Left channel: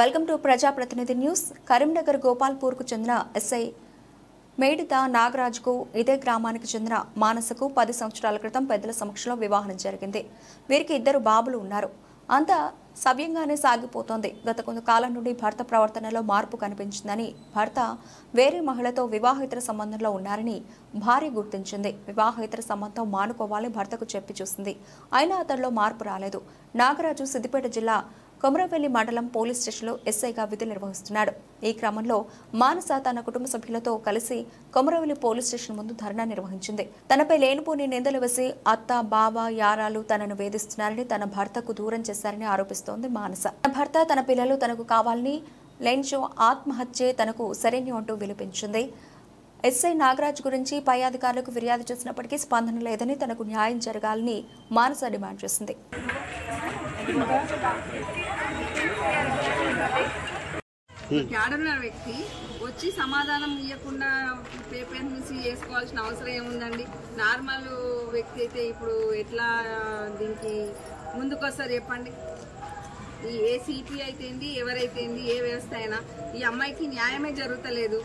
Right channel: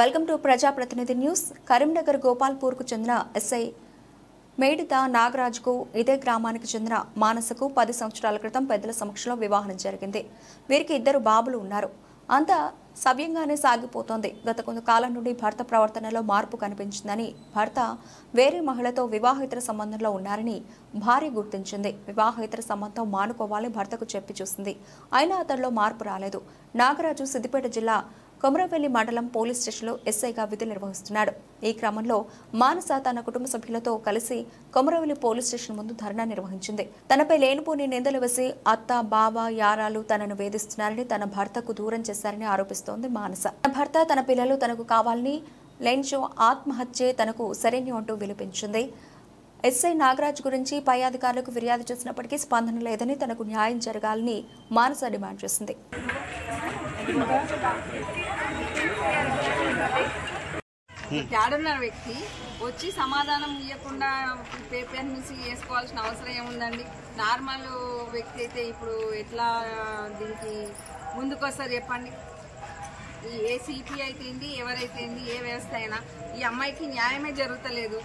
Welcome to ప్రజాప్రతినిధి news. Karimnagar Gopalpur కు చెందిన ఎస్ఐ మేడిత నాగరాజుకు ఇదే గ్రామానికి చెందిన మానసకు 10 సంవత్సరాల క్రితం పెద్దల సమక్షంలో వివాహం జరిగింది. వీరికి 2 బాబులు ఉన్నారు. అంతా సవ్యంగానే సాగిపోతోంది. గత కొంతకాలం నుండి భర్త ప్రవర్తనలో మార్పు కనిపించిందని, భర్త వేరే మహిళతో వివాహేతర సంబంధంలో ఉన్నారని భార్య గుర్తించింది. వివాహేతర సంబంధం మానుకోవాలని భర్తకు చెప్పి చూసింది. అయినా అతడిలో మార్పు రాలేదు. నాగరాజు సిద్దిపేట జిల్లా కొమరవెల్లి మండలం పోలీస్ స్టేషన్లో ఎస్ఐగా విధులు నిర్వహిస్తున్నాడు. ఈ క్రమంలో మానస తన కుటుంబ సభ్యులతో కలిసి కొమరవెల్లి పోలీస్ స్టేషన్ ముందు ధర్నా నిర్వహించింది. తనపై లేనిపోని నిందలు వేసి అత్త, బావ, యారాలు తనను వేధిస్తున్నారని, తన భర్తకు దూరం చేశారని ఆరోపిస్తోంది మానస. తన భర్త, తన పిల్లలు తనకు కావాలని, లెన్షో ఆత్మహత్యే తనకు సరైన అంటూ విలిపించింది. ఎస్ఐ నాగరాజ్ గురించి పై అధికారులకు ఫిర్యాదు చేసినప్పటికీ స్పందన లేదని, తనకు న్యాయం జరగాలని మానస డిమాండ్ చేసింది. క్యాడర్న వ్యక్తి వచ్చి సమాధానం ఇవ్వకుండా పేపర్స్ వేసుకోవాల్సిన అవసరం ఏముందండి? నార్మల్ వ్యక్తి అయితే ఇప్పుడు ఎట్లా దీనికి ముందుకు వస్తారు చెప్పండి? ఏ సిపి అయితే ఎవరైతే ఏ వ్యవస్థ అయినా ఈ అమ్మాయికి న్యాయమే జరుగుతలేదు.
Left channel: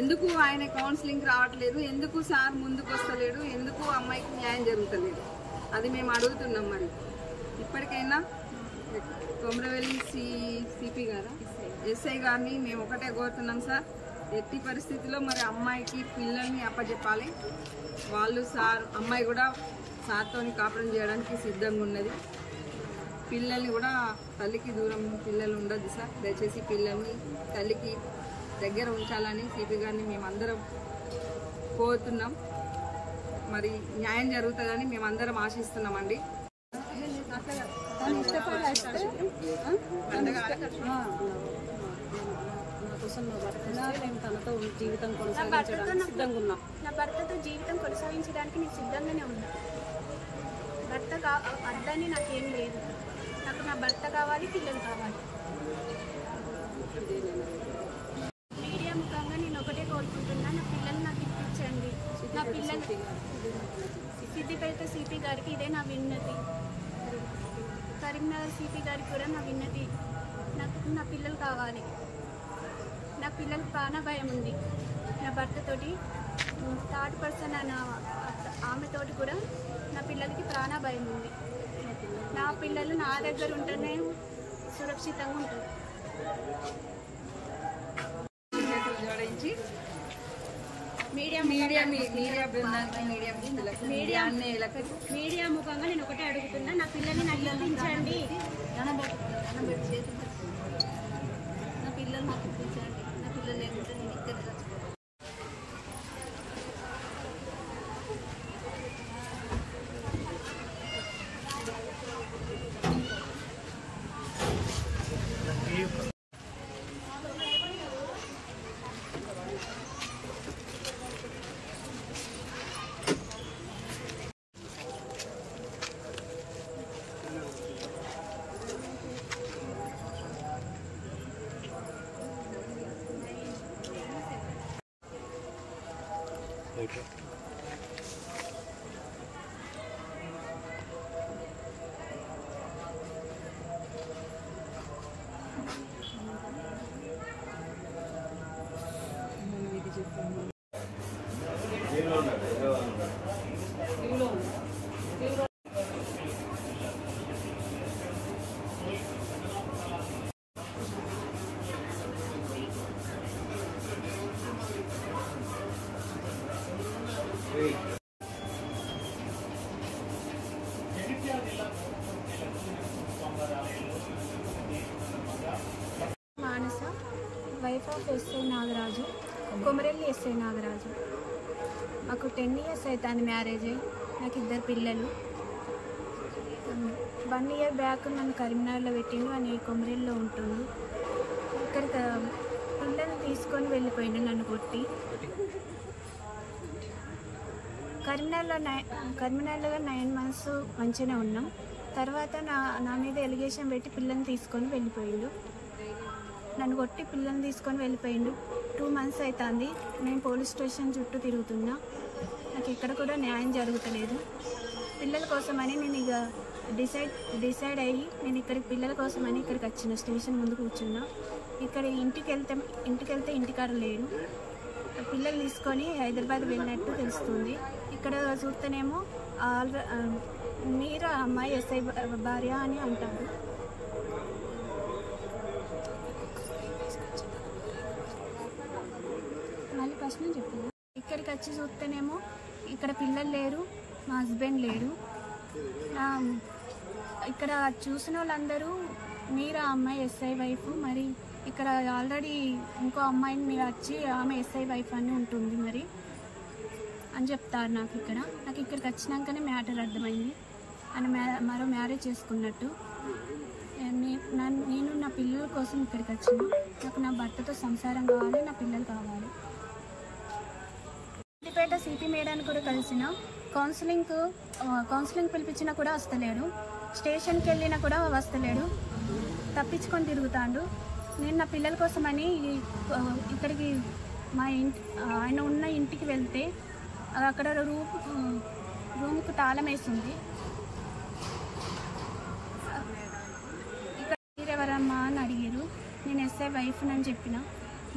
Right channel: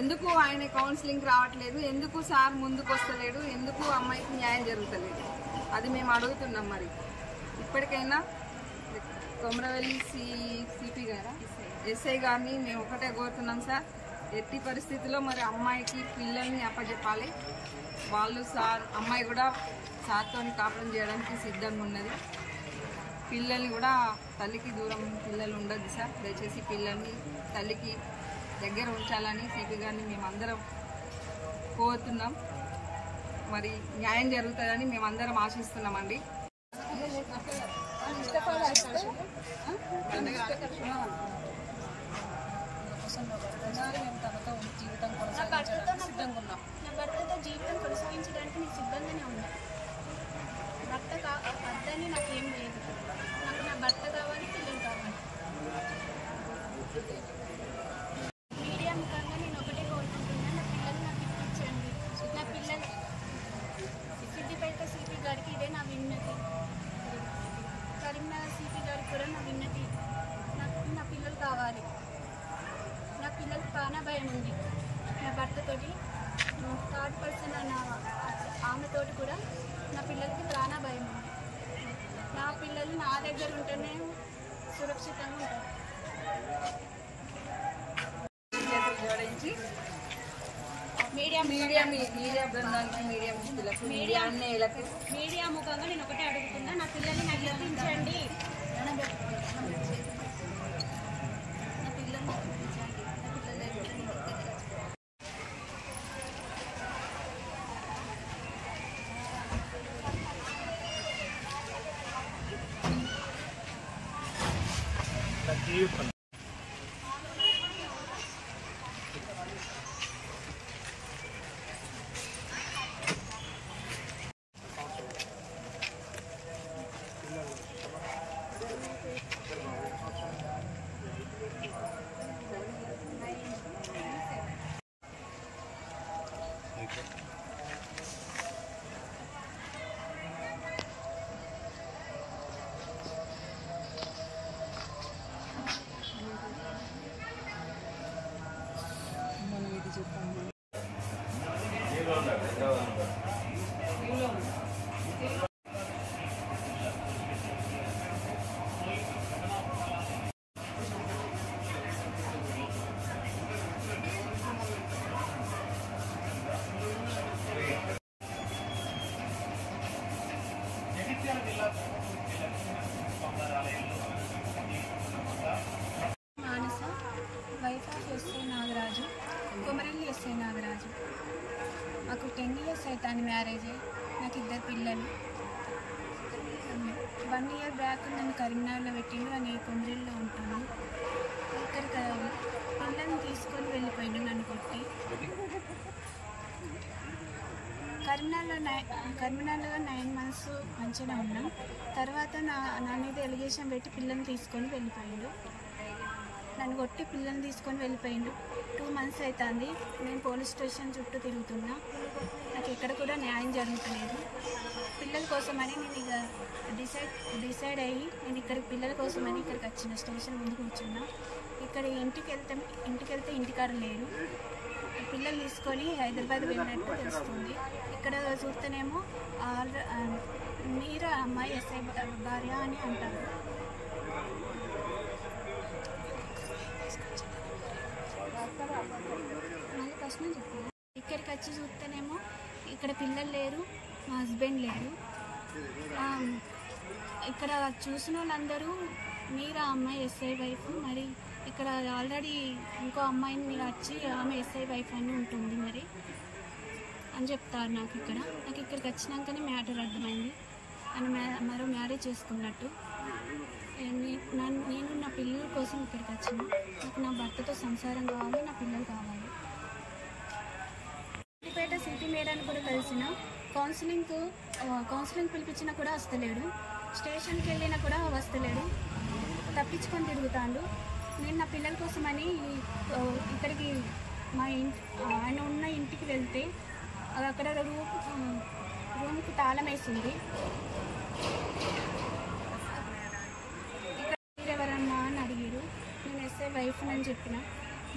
ఎందుకు ఆయన కౌన్సిలింగ్ రావట్లేదు? ఎందుకు సార్ ముందుకు వస్తలేడు? ఎందుకు అమ్మాయికి న్యాయం జరుగుతలేదు? అది మేము అడుగుతున్నాం. మరి ఇప్పటికైనా కొమరవెల్లి సిపి గారా, ఎస్ఐ గారిని మేము ఒకటే కోరుతున్నాం సార్. ఎట్టి పరిస్థితుల్లో మరి అమ్మాయికి పిల్లల్ని అప్పచెప్పాలి. వాళ్ళు సార్, అమ్మాయి కూడా సార్తో కాపురం చేయడానికి సిద్ధంగా ఉన్నది. పిల్లల్ని కూడా తల్లికి దూరం పిల్లలు ఉండదు సార్. దయచేసి పిల్లల్ని తల్లికి దగ్గర ఉంచాలని సిపి గారిని మేమందరం కోరుతున్నాం. మరి న్యాయం జరుగుతుందని మేమందరం ఆశిస్తున్నామండి. నా భర్తతో జీవితం కొనసాగించడానికి నేను సిద్ధంగానే ఉన్నా. భర్త అద్దని నాకేం లేదు. నాకు నా భర్త కావాలి, పిల్లలు కావాలి. మీడియా ముఖంగా నేను ఒకటే కోరుకుంటున్నా, నా పిల్లలు నాకు ఇప్పించండి. నా పిల్లలు సిద్దిపేట సిపి గారికి ఇదే నా విన్నతి. కరీంనగర్ సిపి గారికి కూడా నా విన్నతి. నాకు నా పిల్లలు కావాలి. నా పిల్లలకు ప్రాణ భయం ఉంది. నా భర్తతోటి థర్డ్ పర్సన్ అన్న ఆమెతోటి కూడా నా పిల్లలకి ప్రాణ భయం ఉంది. నా పిల్లలు నా దగ్గర ఉంటేనే సురక్షితంగా ఉంటారు. జోడించి మీడియా ముఖంగా నేను ఒకటే అడుగుతున్నా, నా పిల్లల్ని నాకు ఇప్పించండి. నా పిల్లలు నాకు ఇప్పించండి. నా పిల్లలు లేకుంటే నేను ఇక్కడ Manasa, wife of SI Nagaraju, Komarelli SI Nagaraju. మాకు 10 years అవుతుంది మ్యారేజ్ అయ్యి. నాకు 2 పిల్లలు. 1 year బ్యాక్ నన్ను కరీంనగర్లో పెట్టిండు. అని కొమరెల్లిలో ఉంటుండు. ఇక్కడికి పిల్లల్ని తీసుకొని వెళ్ళిపోయిండు నన్ను కొట్టి. కరీంనగర్లో 9 months మంచిగానే ఉన్నాం. తర్వాత నా మీద ఎలిగేషన్ పెట్టి పిల్లల్ని తీసుకొని వెళ్ళిపోయిండు. నన్ను కొట్టి పిల్లల్ని తీసుకొని వెళ్ళిపోయిండు. 2 months అవుతుంది. నేను పోలీస్ స్టేషన్ చుట్టూ తిరుగుతున్నా. నాకు ఎక్కడ కూడా న్యాయం జరుగుతలేదు. పిల్లల కోసమని నేను ఇక డిసైడ్ అయ్యి నేను ఇక్కడికి పిల్లల కోసమని ఇక్కడికి వచ్చిన స్టేషన్ ముందు కూర్చున్నా. ఇక్కడ ఇంటికి వెళ్తే ఇంటికాడ లేరు. పిల్లలు తీసుకొని హైదరాబాద్ వెళ్ళినట్టు తెలుస్తుంది. ఇక్కడ చూస్తేనేమో మీరా అమ్మాయి ఎస్ఐ భార్య అని అంటారు. మళ్ళీ ఫస్ట్ నేను చెప్పాను. ఇక్కడికి వచ్చి చూస్తేనేమో ఇక్కడ పిల్లలు లేరు, మా హస్బెండ్ లేరు. ఇక్కడ చూసిన వాళ్ళందరూ మీరా అమ్మాయి ఎస్ఐ వైఫ్, మరి ఇక్కడ ఆల్రెడీ ఇంకో అమ్మాయిని వచ్చి ఆమె ఎస్ఐ వైఫ్ అని ఉంటుంది మరి అని చెప్తారు. నాకు ఇక్కడికి వచ్చినాకనే మ్యాటర్ అర్థమైంది. అని మరో మ్యారేజ్ చేసుకున్నట్టు. నేను నా పిల్లల కోసం ఇక్కడికి వచ్చిన. నాకు నా భర్తతో సంసారం కావాలి, నా పిల్లలు కావాలి. సిద్దిపేట సిపి మేడాన్ని కూడా కలిసిన. కౌన్సిలింగ్ పిలిపించినా కూడా వస్తలేడు. స్టేషన్కి వెళ్ళినా కూడా వస్తలేడు, తప్పించుకొని తిరుగుతాడు. నేను నా పిల్లల కోసమని ఇక్కడికి మా ఆయన ఉన్న ఇంటికి వెళ్తే అక్కడ రూమ్కు తాళం వేసింది. ఇక్కడ మీరెవరమ్మా అని అడిగారు. నేను ఎస్ఐ వైఫ్ అని చెప్పిన.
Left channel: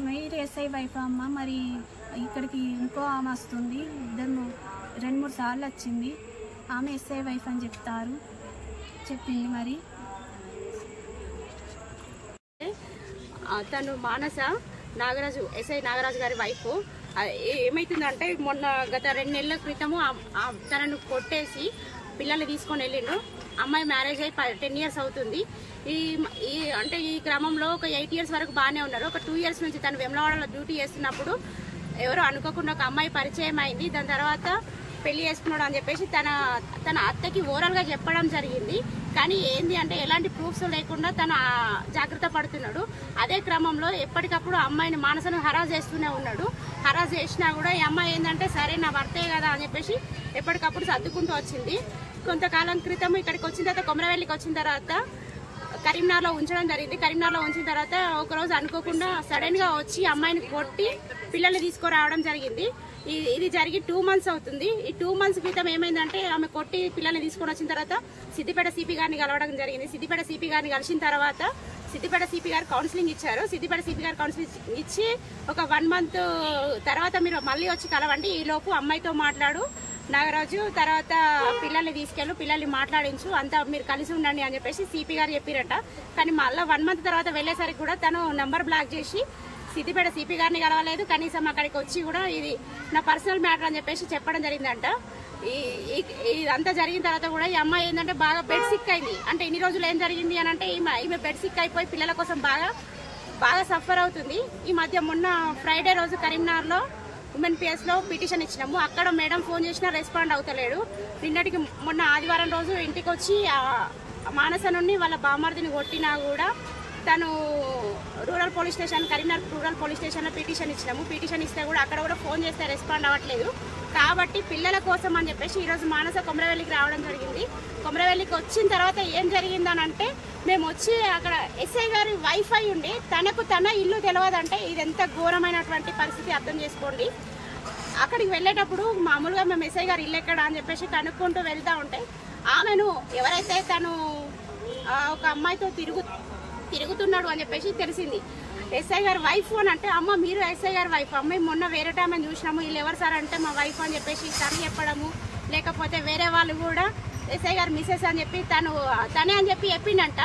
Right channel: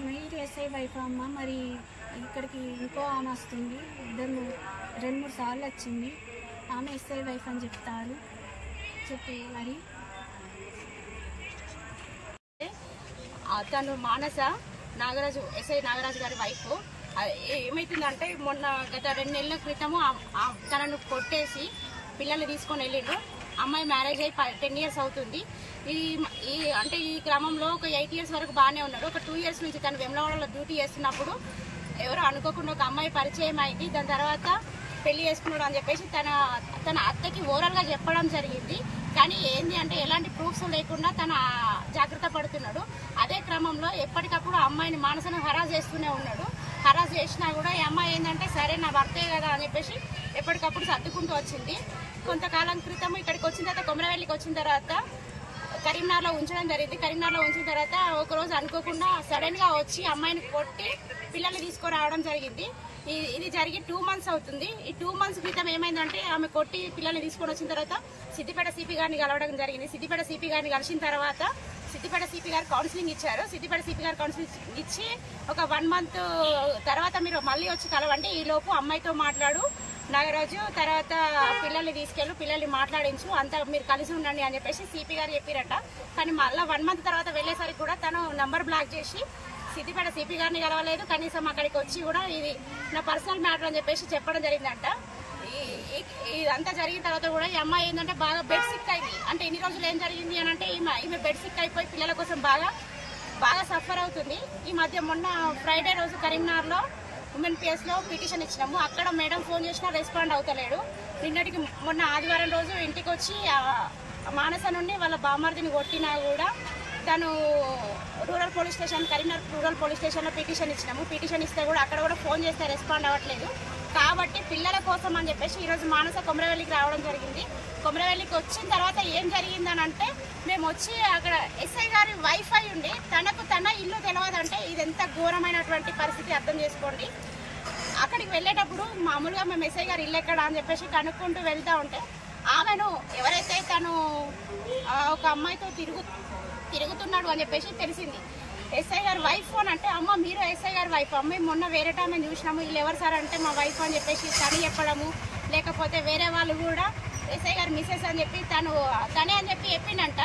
మీరు ఎస్ఐ వైఫ్ అమ్మ, మరి ఇక్కడికి ఇంకో ఆమె వస్తుంది, 2-3 సార్లు వచ్చింది, ఆమె ఎస్ఐ వైఫ్ అని చెప్పింది. మరి తను మానస నాగరాజు, ఎస్ఐ నాగరాజు గారి వైఫ్. ఏమైతుందంటే మొన్న గత 2 నెలల క్రితము తనను కొట్టేసి పిల్లల్ని తీసుకొని వెళ్ళిండు. అమ్మాయి మ్యారేజ్ అయ్యి 10 years అవుతుంది. అంటే ఈ క్రమంలో ఒక 8 years వరకు బాగానే ఉన్నారు. ఒక 2 years నుంచి తను వెమ్లవాడలో డ్యూటీ చేస్తున్నప్పుడు ఎవరో అనుకోకుండా ఒక అమ్మాయి పరిచయం అయింది. దాని తర్వాత పెళ్లి చేసుకున్నాడు అని చెప్పేసి తన అత్తకి ఓరల్ గా చెప్పడం జరిగింది. కానీ ఏంది అంటే ఎలాంటి ప్రూఫ్స్ లేకుండా తను జాగ్రత్త పడుతున్నాడు. అదే క్రమంలో ఎప్పటికప్పుడు అమ్మాయిని మానసను హరాస్ చేస్తూనే ఉన్నాడు. హరాస్ చేసినా కూడా ఈ అమ్మాయి ఏంటంటే సరే నా భర్తే కదా అని చెప్పేసి ఎప్పటికప్పుడు సర్దుకుంటూ వచ్చింది. కొంతకాలం క్రితం ఇక్కడికి వచ్చిన తర్వాత కొమరవెల్లికి వచ్చిన తర్వాత కరీంనగర్లో ఉంచడం జరిగింది. కరీంనగర్లో ఉంచిన తర్వాత ఒకరోజు అనుకోకుండా సడన్ గా వచ్చి అమ్మాయిని కొట్టి పిల్లల్ని తీసుకురావడం జరిగింది. ఇది జరిగి 2 months అవుతుంది. ఈ 2 months క్రితం ఏమైందంటే ఆమె కొట్టి పిల్లల్ని తీసుకొని వచ్చిన తర్వాత సిద్దిపేట సిపి గారిని కలవడం జరిగింది. సిద్దిపేట సిపి గారిని కలిసిన తర్వాత సిద్దిపేట సిపి గారు కౌన్సిలింగ్ ఇచ్చారు. సిద్దిపేట సిపి గారు కౌన్సిలింగ్ ఇచ్చి ఒక 1 month తర్వాత మీరు మళ్ళీ వచ్చి కలవండి, ఈ లోపు అమ్మాయితో మాట్లాడు నాగరాజు, తర్వాత పిల్లల్ని తీసుకెళ్ళు, పిల్లల్ని మాట్లాడించు, అంతా మీరు కలిసి ఉండండి అని చెప్పేసి సిపి గారు చెప్పారట. కానీ మళ్ళీ 1 month తర్వాత వెళ్లేసరికి కూడా తను నంబర్ బ్లాక్ చేసి సిద్దిపేట సిపి గారిని కలవలేదు. కనీసం అక్కడికి వచ్చి కూడా ఇది నా పర్సనల్ మ్యాటర్ అని చెప్పేసి చెప్పడం జరిగిందంట. ఇదంతా జరిగిన తర్వాత కూడా ఈ అమ్మాయి ఏంటంటే బాగా బెడ్ సిక్ అయింది. అంటే ఇన్ని రోజులు ఏం జరిగింది అని అంటే ఈమె బెడ్ సిక్ అయిపోయి పిల్లల కోసం బాగా సఫర్ అవుతుంది. ఈ మధ్య మొన్న ఫ్రైడే రోజు కరీంనగర్ లో ఉమెన్ పిఎస్ లో పిటిషన్ ఇచ్చినాము. అక్కడ మేడం ఫోన్ చేసినా రెస్పాండ్ అవుతలేడు. నిన్నటికి మొన్న ఆదివారం రోజు ఇంటికి వచ్చి మానస నుండి వాళ్ళ బామర్దిని కొట్టినా కూడా తను rural police station, Karimnagar rural police station లో పిటిషన్ ఇచ్చినాము. పిటిషన్ ఇస్తే కూడా అక్కడ కూడా ఫోన్ చేస్తే రెస్పాండ్ అవ్వట్లేదు. కాబట్టి పిల్లల కోసం అని చెప్పేసి ఈ రోజు మానస కొమరవెల్లికి రావడం జరిగింది. కొమరవెల్లికి వచ్చిన తర్వాత ఏం జరిగిందని అంటే మేము వచ్చి అక్కడ ఎస్ఐ గారి వైఫ్ అయి ఉండి తన ఇల్లు తెలియదంటే ఇది ఎంత ఘోరమైనటువంటి పరిస్థితి అర్థం చేసుకోండి. అక్కడికి వెళ్ళేటప్పుడు మామూలుగా మేము ఎస్ఐ గారి ఇల్లు ఎక్కడ అని చెప్పేసి కనుక్కుంటూ వెళ్తా ఉంటే ఆమెను ఎవరైతే తను ఒక అమ్మాయితో తిరుగుతున్నాడు అని చెప్పేసి తెలిసింది. ఎస్ఐ గారి వైఫ్ అని అంటే అమ్మ మీరు ఎస్ఐ గారి వైఫ్ అమ్మాయి మొన్న వేరే టైం అని చూసినాము, వీళ్ళు ఎవరు సార్ అంటే మా వైఫ్ అని చెప్పేసి తను చెప్పడము, లేకపోతే వేరే వాళ్ళు కూడా ఎస్ఐ గారు మిస్సెస్ అని చెప్పి తనే అని చెప్పి చెప్పిండంట.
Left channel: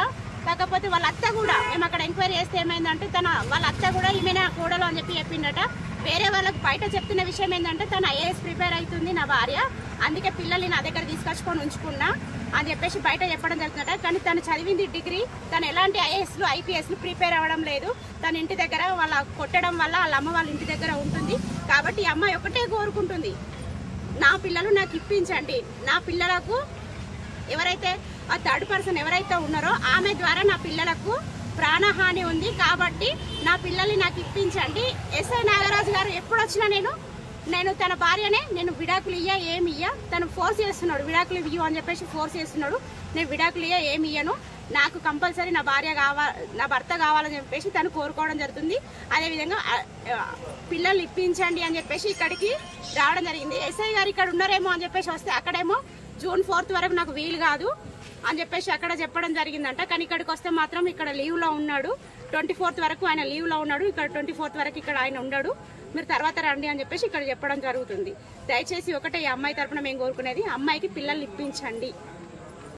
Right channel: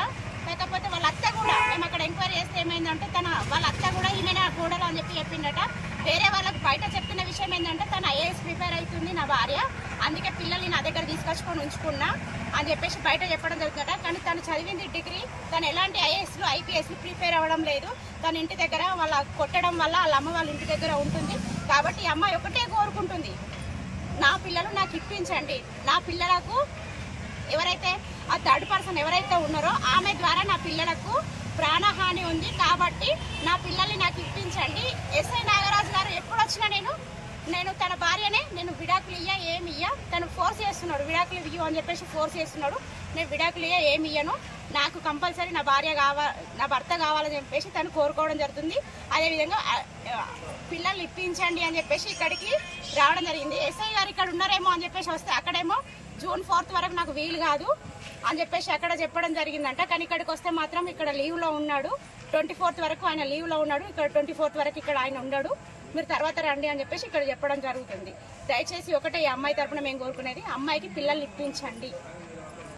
కాకపోతే వాళ్ళ అత్త కూడా మేము అక్కడ ఎంక్వైరీ చేస్తే ఏమైందంటే వాళ్ళ అత్త కూడా ఈమెనే ఆ కూడలు అని చెప్పి చెప్పిండట. వేరే వాళ్ళకి బయట చెప్తున్న విషయం ఏంటంటే తను ఐఏఎస్ ప్రిపేర్ అవుతుంది నా భార్య, అందుకే పిల్లల్ని నా దగ్గర తీసుకొచ్చుకొని ఉంచుకున్నా అని చెప్పేసి బయట చెప్పడం జరుగుతుందట. కానీ తను చదివింది డిగ్రీ, తను ఎలాంటి ఐఏఎస్లు ఐపీఎస్లు ప్రిపేర్ అవ్వడం లేదు. తన ఇంటి దగ్గర వాళ్ళ కొట్టడం వల్ల వాళ్ళ అమ్మ వాళ్ళ ఇంటి దగ్గర ఉంటుంది. కాబట్టి ఈ అమ్మాయి ఒకటే కోరుకుంటుంది, నా పిల్లలు నాకు ఇప్పించండి, నా పిల్లలకు ఎవరైతే ఆ థర్డ్ పర్సన్ ఎవరైతే ఉన్నారో ఆమె ద్వారా నా పిల్లలకు ప్రాణహాని ఉంది, కాబట్టి నా పిల్లల్ని నాకు ఇప్పించండి. ఎస్ఐ నాగరాజు గారు ఎప్పుడు వచ్చినా నేను తన భార్యనే, నేను విడాకులు ఏమి తను ఫోర్స్ చేస్తున్నాడు, విడాకులు ఇవ్వు అని చెప్పేసి ఫోర్స్ చేస్తున్నాడు. నేను విడాకులు ఏమి ఇయ్యను, నాకు కంపల్సరీ నా భర్త కావాలని చెప్పేసి తను కోరుకోవడం జరుగుతుంది. అదేవిధంగా పిల్లల్ని ఇప్పించండి అని చెప్పేసి ఇక్కడికి రావడం జరిగింది. ఎస్ఐ గారు ఇక్కడ ఉన్నారేమో అని చెప్పేసి వస్తే అక్కడేమో June 4th వరకు నాకు వీలు కాదు, అని చెప్పేసి అక్కడ చెప్పడం జరిగిందంట. కానీ ఇక్కడికి వస్తే మాత్రం ఇక్కడ లీవ్ లో ఉన్నాడు, 24th వరకు ఆయన లీవ్ లో ఉన్నాడు, ఇక్కడ 24th వరకు ఇక్కడ ఆయన ఉన్నాడు, మీరు తర్వాత రండి అని చెప్పేసి ఇక్కడ చెప్పడం జరుగుతుంది. దయచేసి ఒకటే ఈ అమ్మాయి తరపున మేము కోరుకునేది, అమ్మాయికి పిల్లల్ని ఇప్పించండి.